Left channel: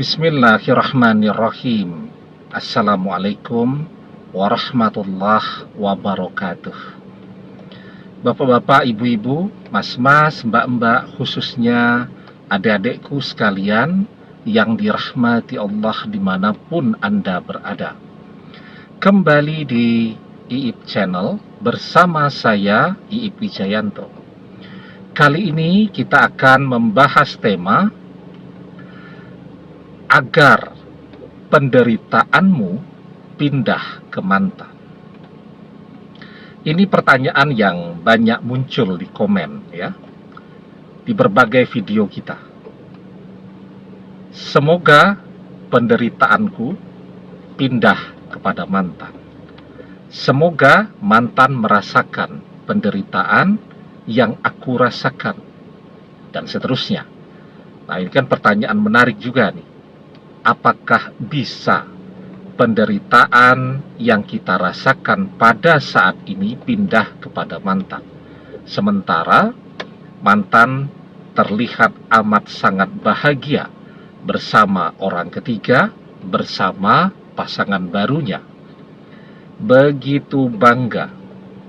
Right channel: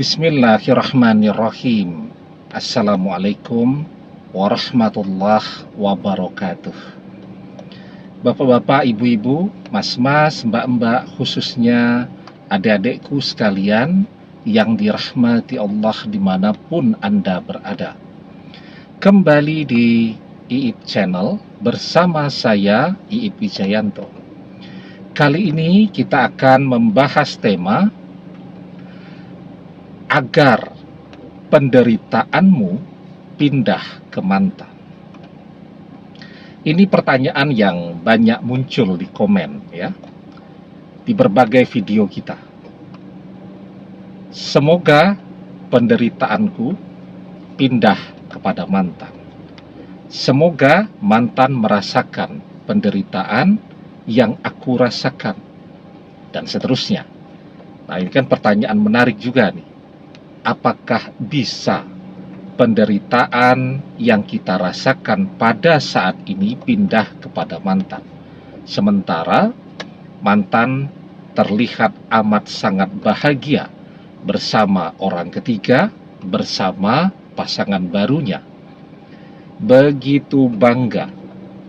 Bismillahirrahmanirrahim. Assalamualaikum warahmatullahi wabarakatuh. Bapak-bapak, ibu-ibu, mas-mas, mbak-mbak, khususnya adik-adikku sekalian yang dirahmati Allah dimanapun Anda berada. Kembali di Iip Channel bersama saya, Iip Wijayanto. Kali ini kita akan membahas tema agar penderitaanmu pindah ke mantan. Ini pertanyaan yang banyak muncul di komen ya, di berbagai video kita. Semoga penderitaanku pindah kepada mantan. Semoga mantan merasakan penderitaan yang aku rasakan, dan seterusnya. Nah, ini kan pertanyaan menarik juga nih. Apakah bisa penderitaan yang kita rasakan pada saat ini pindah kepada mantan? Sementara mantan terlihat amat sangat bahagia bersama orang ketiga, bersama pasangan barunya. Begitu bangga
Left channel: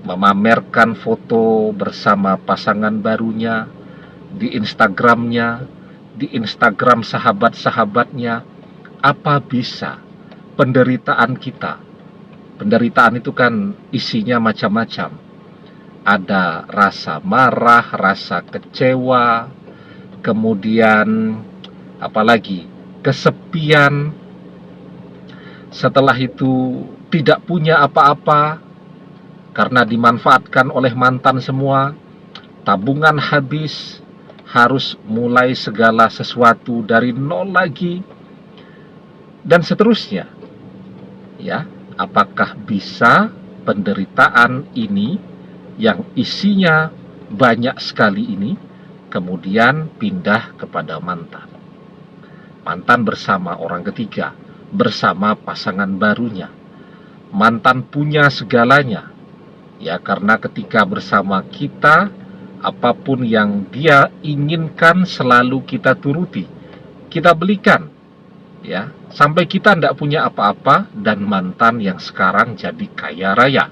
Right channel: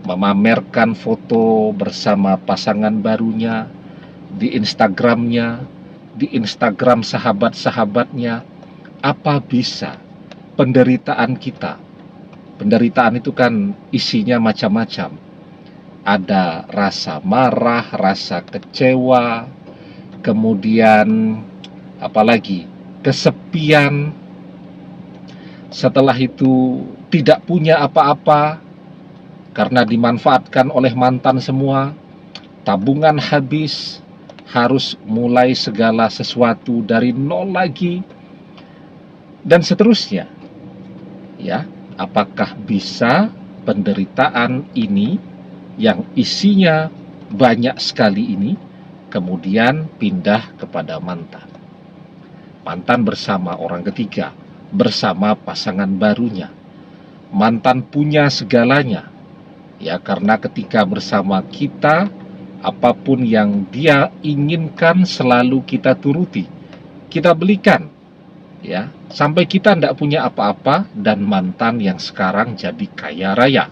memamerkan foto bersama pasangan barunya di Instagramnya, di Instagram sahabat-sahabatnya. Apa bisa penderitaan kita? Penderitaan itu kan isinya macam-macam. Ada rasa marah, rasa kecewa, kemudian apalagi kesepian. Setelah itu tidak punya apa-apa karena dimanfaatkan oleh mantan semua. Tabungan habis, harus mulai segala sesuatu dari nol lagi, dan seterusnya. Ya, apakah bisa penderitaan ini yang isinya banyak sekali ini kemudian pindah kepada mantan? Mantan bersama orang ketiga, bersama pasangan barunya. Mantan punya segalanya. Ya, karena ketika bersama kita, apapun yang dia inginkan selalu kita turuti, kita belikan. Ya, sampai kita tidak punya apa-apa, dan mantan yang sekarang jadi kaya raya.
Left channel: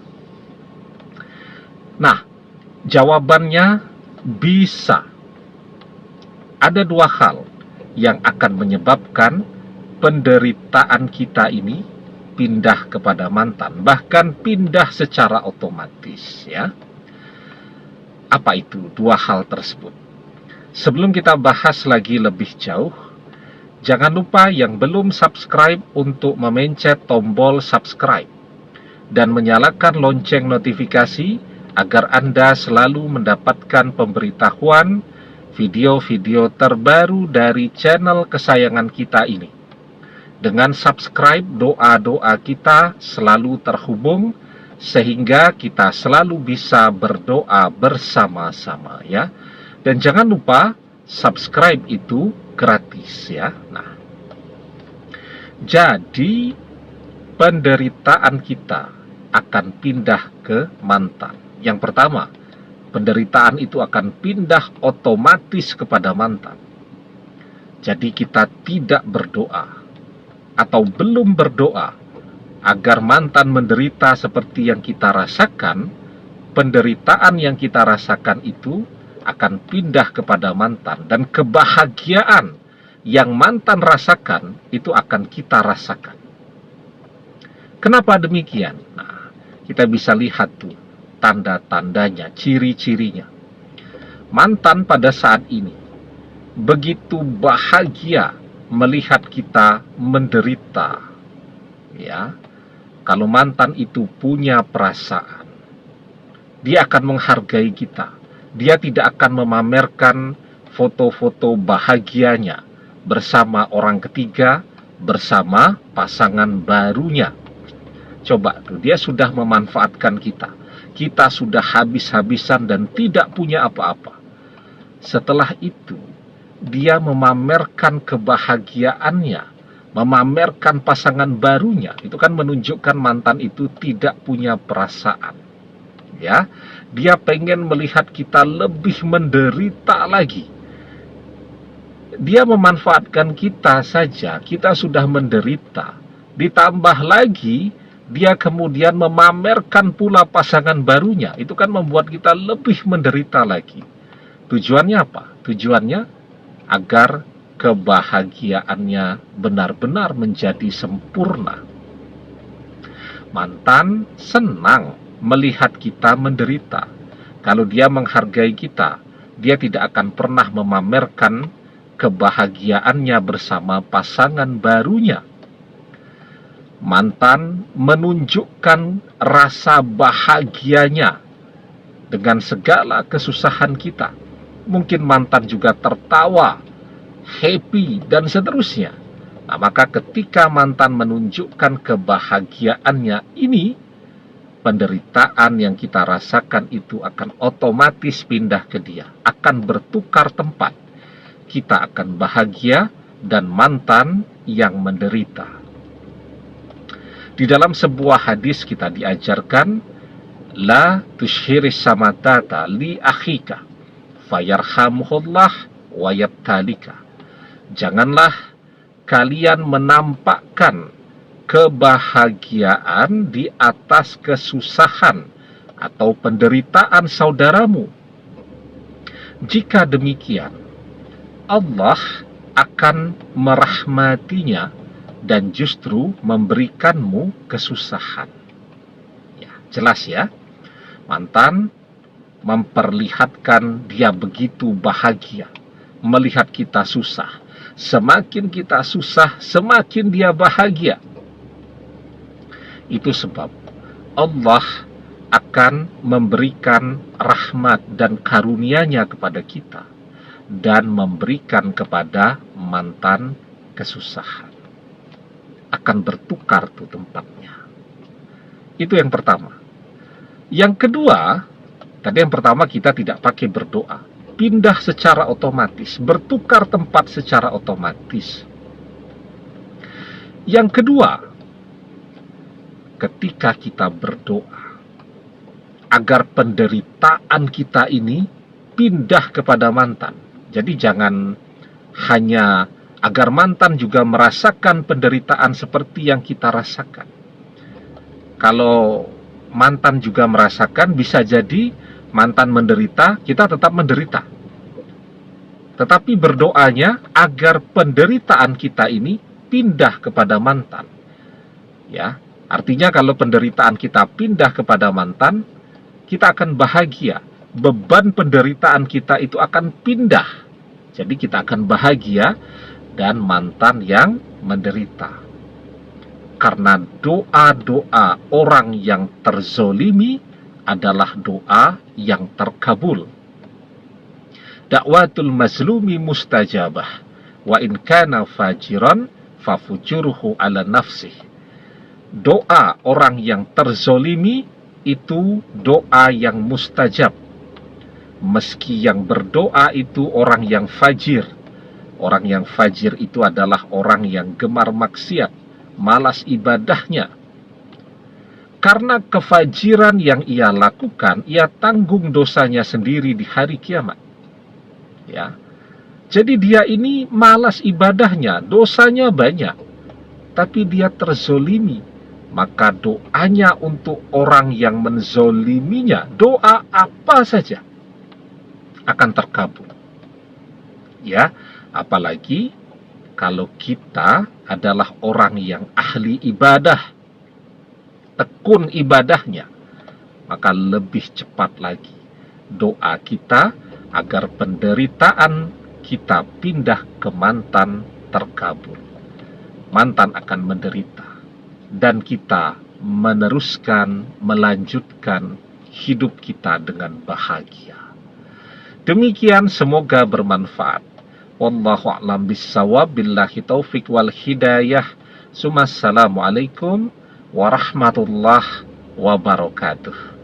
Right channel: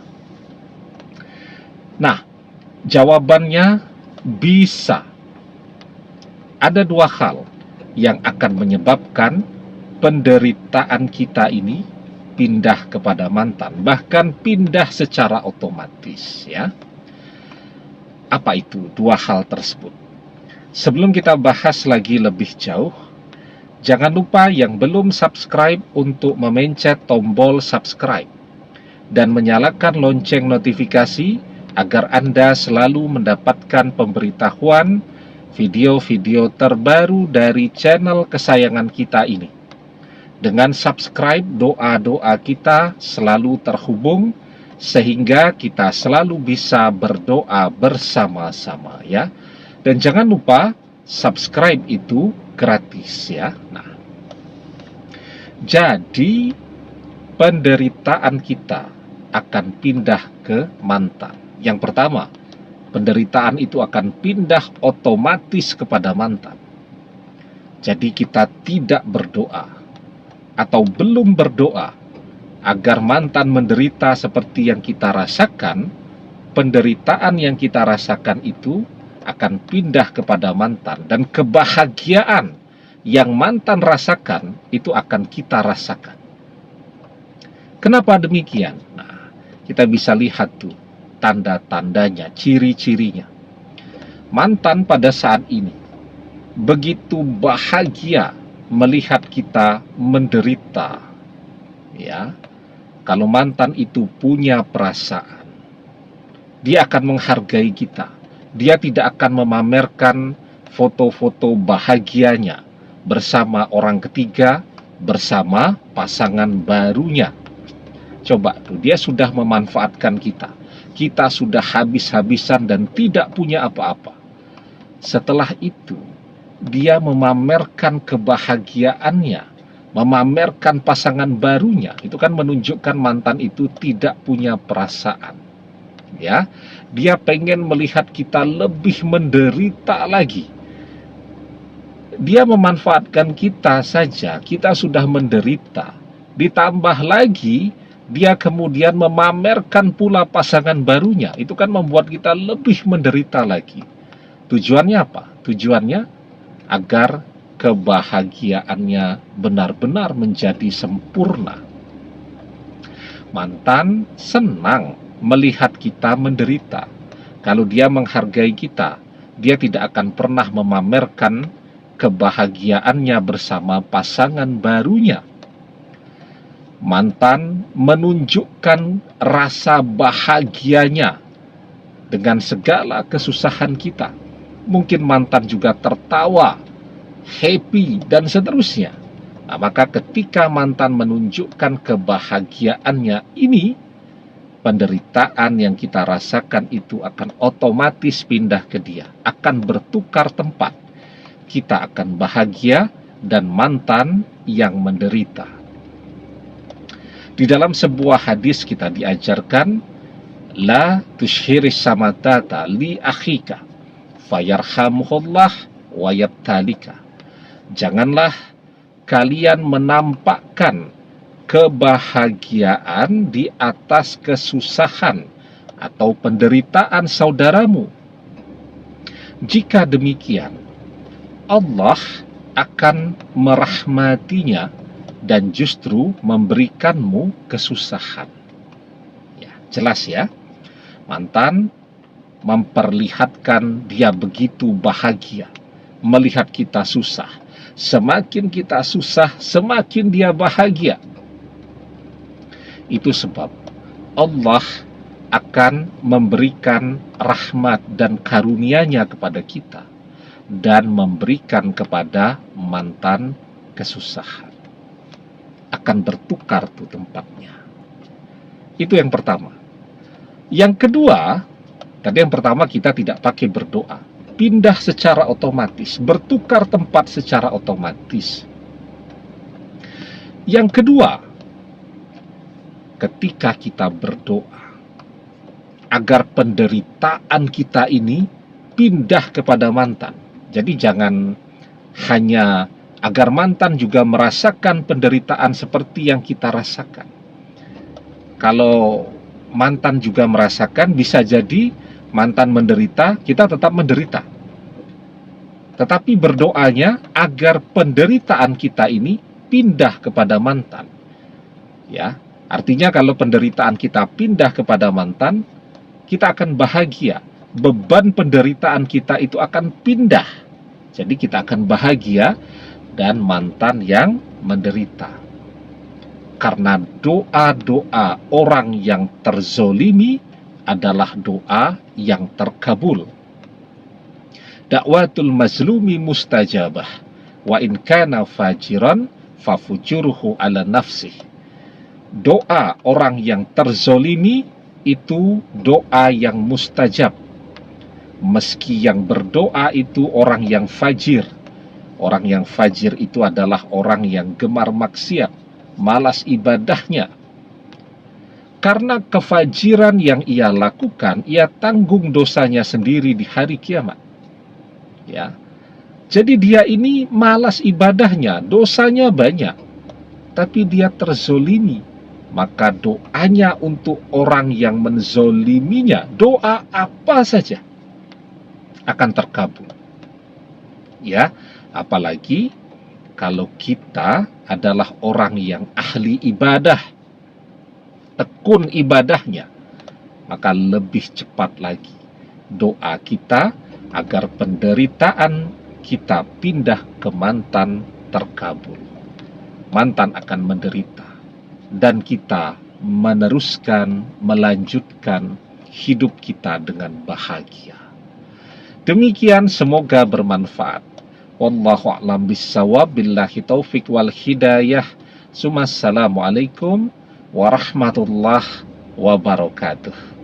Nah, jawabannya bisa. Ada dua hal yang akan menyebabkan penderitaan kita ini pindah kepada mantan, bahkan pindah secara otomatis ya. Apa itu dua hal tersebut? Sebelum kita bahas lagi lebih jauh, jangan lupa yang belum subscribe untuk memencet tombol subscribe dan menyalakan lonceng notifikasi agar Anda selalu mendapatkan pemberitahuan video-video terbaru dari channel kesayangan kita ini. Dengan subscribe, doa-doa kita selalu terhubung sehingga kita selalu bisa berdoa bersama-sama ya. Dan jangan lupa subscribe itu gratis ya. Nah, jadi penderitaan kita akan pindah ke mantan. Yang pertama, penderitaan itu akan pindah otomatis kepada mantan. Jadi kita tidak berdoa atau belum berdoa agar mantan menderita seperti yang kita rasakan, penderitaan yang kita rasakan itu akan pindah kepada mantan, dan kebahagiaan yang mantan rasakan itu akan kita rasakan. Kenapa demikian? Nah, kita bisa lihat tuh tanda-tandanya, ciri-cirinya. Mantan pada saat ini begitu bahagia melihat kita menderita. Ya, kalau mantan itu punya perasaan, dia akan menghargai kita. Dia tidak akan memamerkan foto-foto bahagianya bersama orang ketiga, bersama pasangan barunya. Coba tuh, dia sudah memanfaatkan kita. Kita sudah habis-habisan dan tidak punya apa-apa. Setelah itu, dia memamerkan kebahagiaannya, memamerkan pasangan barunya. Itu kan menunjukkan mantan itu tidak punya perasaan. Ya, dia pengen melihat kita lebih menderita lagi. dia memanfaatkan kita saja, kita sudah menderita. Ditambah lagi, dia kemudian memamerkan pula pasangan barunya. Itu kan membuat kita lebih menderita lagi. Tujuannya apa? Tujuannya agar kebahagiaannya benar-benar menjadi sempurna. Mantan senang melihat kita menderita. Kalau dia menghargai kita, dia tidak akan pernah memamerkan kebahagiaannya bersama pasangan barunya. Mantan menunjukkan rasa bahagianya dengan segala kesusahan kita. Mungkin mantan juga tertawa, happy, dan seterusnya. Nah, maka ketika mantan menunjukkan kebahagiaannya ini, penderitaan yang kita rasakan itu akan otomatis pindah ke dia, akan bertukar tempat. Kita akan bahagia dan mantan yang menderita. Di dalam sebuah hadis kita diajarkan, la tushhiris samatata li akhika fayarhamuhullah wa yabtalika. Janganlah kalian menampakkan kebahagiaan di atas kesusahan atau penderitaan saudaramu. Jika demikian, Allah akan merahmatinya dan justru memberikanmu kesusahan. Ya, jelas ya. Mantan memperlihatkan dia begitu bahagia melihat kita susah. Semakin kita susah, semakin dia bahagia. Itu sebab Allah akan memberikan rahmat dan karunia-Nya kepada kita dan memberikan kepada mantan kesusahan. Akan bertukar tuh tempatnya. Itu yang pertama. Yang kedua, tadi yang pertama kita tidak pakai berdoa, pindah secara otomatis, bertukar tempat secara otomatis. Yang kedua, ketika kita berdoa agar penderitaan kita ini pindah kepada mantan. Jadi jangan hanya agar mantan juga merasakan penderitaan seperti yang kita rasakan. Kalau mantan juga merasakan, bisa jadi mantan menderita, kita tetap menderita. Tetapi berdoanya agar penderitaan kita ini pindah kepada mantan. Ya, artinya kalau penderitaan kita pindah kepada mantan, kita akan bahagia. Beban penderitaan kita itu akan pindah. Jadi kita akan bahagia dan mantan yang menderita. Karena doa-doa orang yang terzolimi adalah doa yang terkabul. Dakwatul mazlumi mustajabah, wa in kana fajiran fafujuruhu ala nafsih. Doa orang yang terzolimi itu doa yang mustajab. Meski yang berdoa itu orang yang fajir. Orang yang fajir itu adalah orang yang gemar maksiat, malas ibadahnya. Karena kefajiran yang ia lakukan, ia tanggung dosanya sendiri di hari kiamat. Ya. Jadi dia ini malas ibadahnya, dosanya banyak, tapi dia terzolimi. Maka doanya untuk orang yang menzoliminya, doa apa saja akan terkabul. Ya, apalagi kalau kita adalah orang yang ahli ibadah, tekun ibadahnya, maka lebih cepat lagi doa kita agar penderitaan kita pindah ke mantan terkabul. Mantan akan menderita dan kita meneruskan, melanjutkan hidup kita dengan bahagia. Demikian, semoga bermanfaat. Wallahu a'lam bissawab, billahi taufik wal hidayah. Assalamualaikum warahmatullahi wabarakatuh.